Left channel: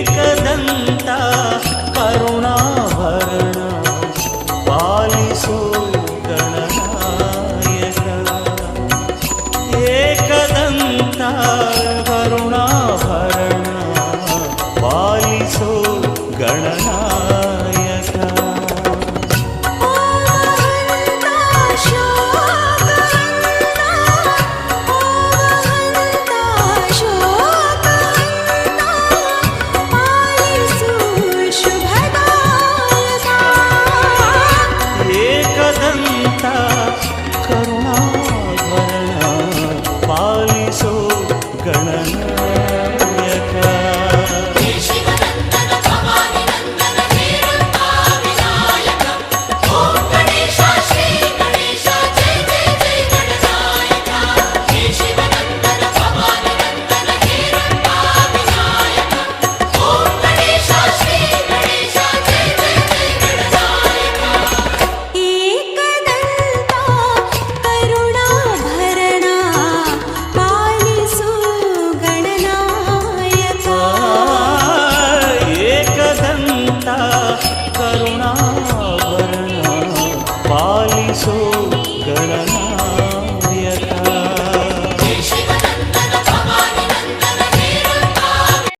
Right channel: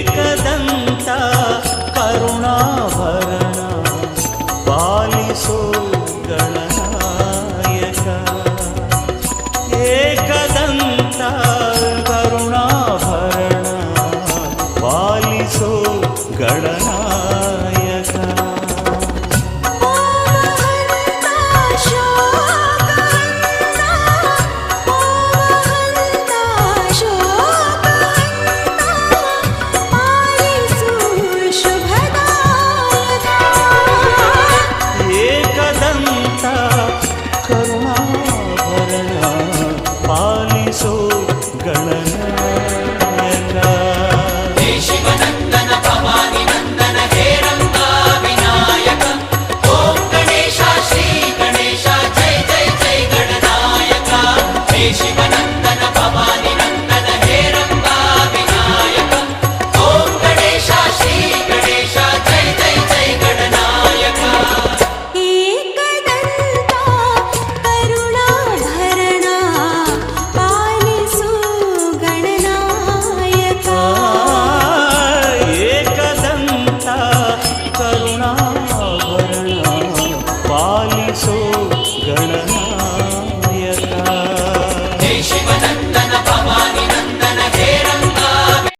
ಏಕದಂತ ಕರುಣಾಭರಣ ಪಾಲಿಸೋ ಗಣನಾಯಕ. ಏಕದಂತ ಕರುಣಾಭರಣ ಪಾಲಿಸೋ ಗಣನಾಯಕ. ಏಕದಂತ ಕರುಣಾಭರಣ ಪಾಲಿಸೋ ಗಣನಾಯಕ. ಶಿವನಂದನ ಭವಾನಿ ನಂದನ ಹೇರಂಬ ವಿನಾಯಕ. ಓಂ ಗಣೇಶ ಶ್ರೀ ಗಣೇಶ ಜೈ ಜೈ ಜೈ ಗಣನಾಯಕ. ಹೇ ಶಿವನಂದನ ಭವಾನಿ ನಂದನ ಹೇರಂಬ ವಿನಾಯಕ. ಓಂ ಗಣೇಶ ಶ್ರೀ ಗಣೇಶ ಜೈ ಜೈ ಜೈ ಗಣನಾಯಕ. ಏಕದಂತ ಕರುಣಾಭರಣ ಪಾಲಿಸು ಗಣನಾಯಕ. ಏಕದಂತ ಕರುಣಾಭರಣ ಪಾಲಿಸೋ ಗಣನಾಯಕ.